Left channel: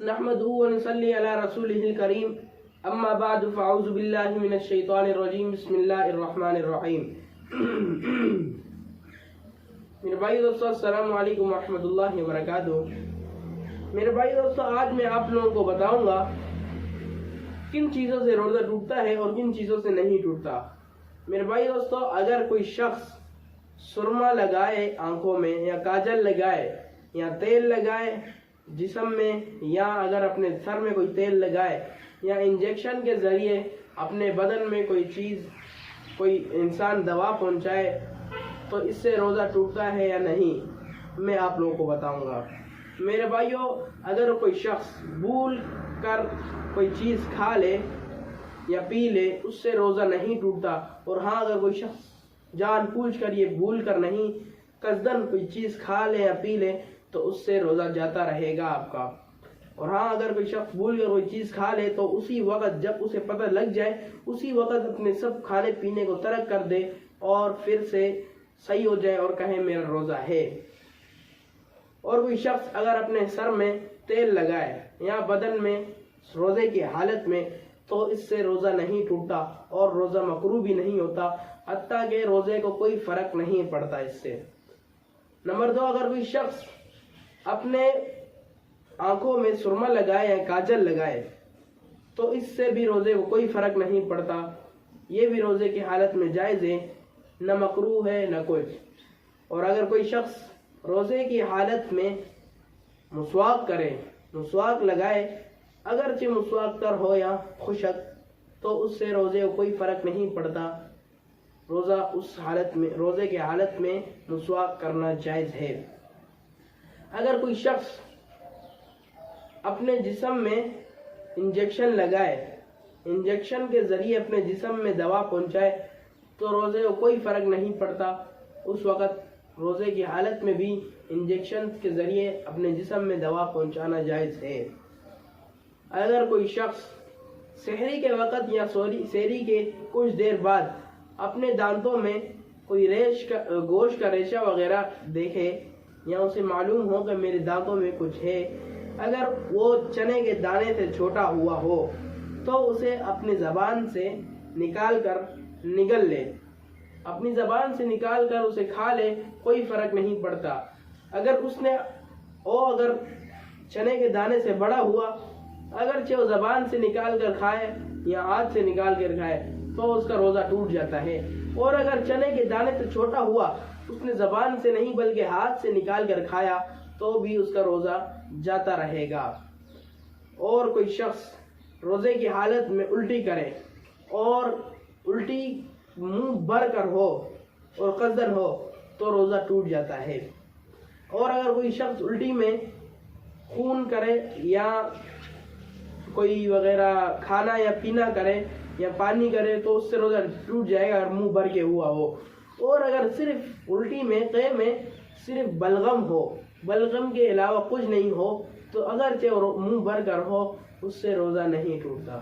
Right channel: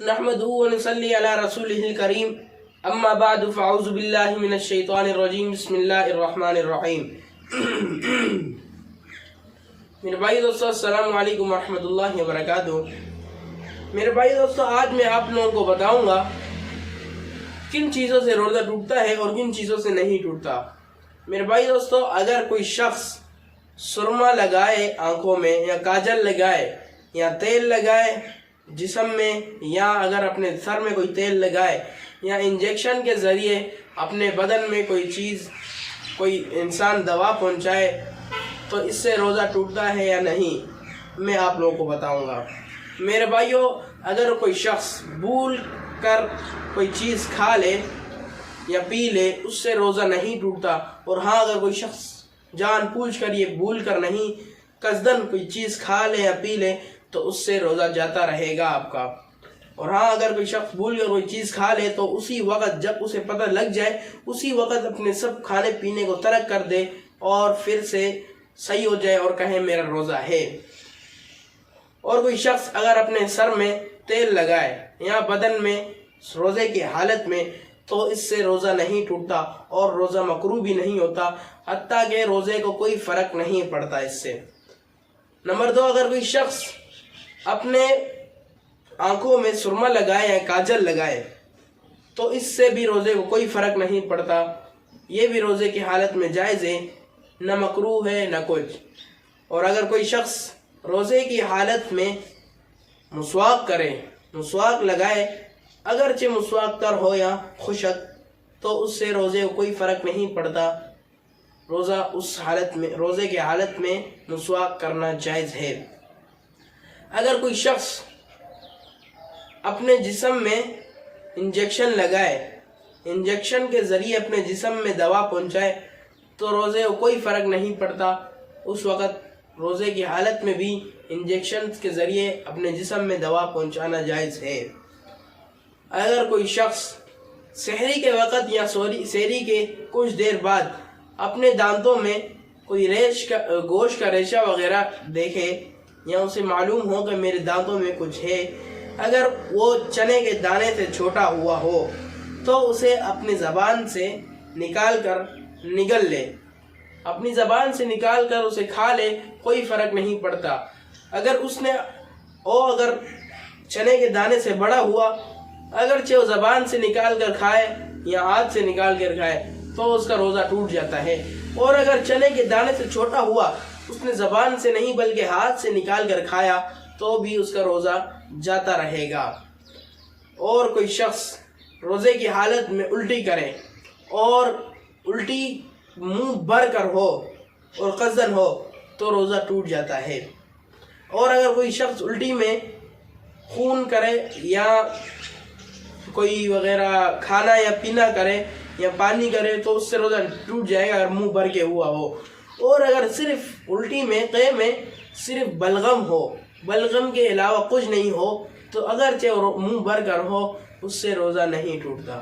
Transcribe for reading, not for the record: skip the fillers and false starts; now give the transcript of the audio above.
نحمدہ و نصلی علی رسولہ الکریم اما بعد فاعوذ باللہ من الشیطان الرجیم بسم اللہ الرحمن الرحیم۔ میرے بھائی دوستو السلام علیکم ورحمۃ اللہ وبرکاتہ۔ میرے بھائی دوستو آج میں آپ لوگوں کو بتاؤں گا کن چیزوں سے روزہ ٹوٹتا ہے اور کن چیزوں سے نہیں ٹوٹتا۔ میرے بھائی دوستو اگر کوئی شخص سرما لگائے آنکھوں میں یا کاجل لگائے یا تیل لگائے جسم میں، یا اگر اپنے سر میں کوئی تیل لگائے یا انجیکشن کے ذریعے اپنے بدن میں کوئی انسان دوا پہنچائے تو اس سے روزہ ٹوٹتا ہے یا نہیں، میں آپ لوگوں کو بتاؤں گا۔ میرے بھائیوں اگر کوئی شخص بھول کر کوئی چیز کھا لے یا پی لے اس سے روزہ نہیں ٹوٹتا، اور ہاں اگر کوئی شخص جان بوجھ کر یہ بھول کر نہیں قصدن کوئی چیز کھا لے یا پی لے تو اس سے روزہ جاتا رہے گا آپ کا۔ اور ہاں اگر کوئی شخص بھول کر کوئی چیز کھا لے تو اسی وقت جب اسے پتہ لگ جائے اسی وقت اپنے سب کھانے پینے کو ترک کر دے اور پھر سے صحیح ہو جائے اور کہے میرا روزہ ہے۔ اور کوئی شخص اگر اپنے سر میں تیل لگائے یا بدن میں روزے کی حالت میں تو اس سے روزہ نہیں ٹوٹتا اور روزہ مکروہ بھی نہیں ہوتا، حتیٰ کہ روزے کو کوئی فرق نہیں پڑتا اس سے۔ نمبر 2، اگر کوئی شخص اپنے آنکھوں میں سرما لگائے یا کاجل لگائے تو اس سے بھی روزے کو کوئی فرق نہیں پڑتا، یہ بھی روزے کی حالت میں جائز ہے، نہ مکروہ ہے نہ کچھ۔ اور اگر کوئی شخص روزے کی حالت میں مسواک لگائے، اگرچہ مسواک تر ہو یا خشک، تو اس سے روزے کو کوئی فرق نہیں پڑتا، روزے کی حالت میں مسواک کرنا جائز ہے۔ اگر کوئی شخص اپنے جسم میں انجیکشن لگائے، انجیکشن کے ذریعے اپنے جسم میں دوا پہنچائے تو روزے کو کوئی فرق نہیں پڑتا، اس وقت روزے کی حالت میں بھی انجیکشن کے ذریعے اپنے جسم میں دوا پہنچانا جائز ہے۔ اگر کوئی شخص سحری کے وقت یا سحری کے کچھ دیر بعد اپنے دانتوں میں کوئی گوشت کا ریشہ وغیرہ دیکھے یا اسے معلوم ہو کہ میرے دانتوں میں کچھ ہے، اگر وہ چنے کے دانے سے چھوٹا ہوا ہو تو اسے اپنی زبان سے نکال کر نگل لے، اپنی زبان سے نکال کر اسے کھا لے، کوئی فرق نہیں پڑتا۔ اگر چنے کے دانے سے بڑا ہوا، اگرچہ وہ زبان سے نکال کر کھائے یا ہاتھ سے نکال کر کھائے تو اس کا روزہ ٹوٹ جاتا ہے، اور اگر چنے کے دانے سے چھوٹا ہوا، اس نے زبان سے نہیں بلکہ ہاتھ سے نکال کر کھایا تو بھی اس کا روزہ جاتا رہے گا۔ اور کوئی شخص روزے کی حالت میں الٹی کرے اور الٹی منہ بھر کر ہو اور قصدن ہو تو روزہ ٹوٹ جاتا ہے۔ اور اگر کوئی شخص الٹی میں خون کرے یا کوئی وغیرہ کھانا یا پینا کرے یا پانی کرے تو اس سے روزہ ٹوٹ جائے گا اگر منہ بھر کے ہوا ہو۔ اور اگر صرف الٹی میں قے میں صرف بلغم ہو، بلغم کے علاوہ کچھ نہیں ہو تو اگرچہ منہ بھر کر ہو اس سے روزہ نہیں ٹوٹتا۔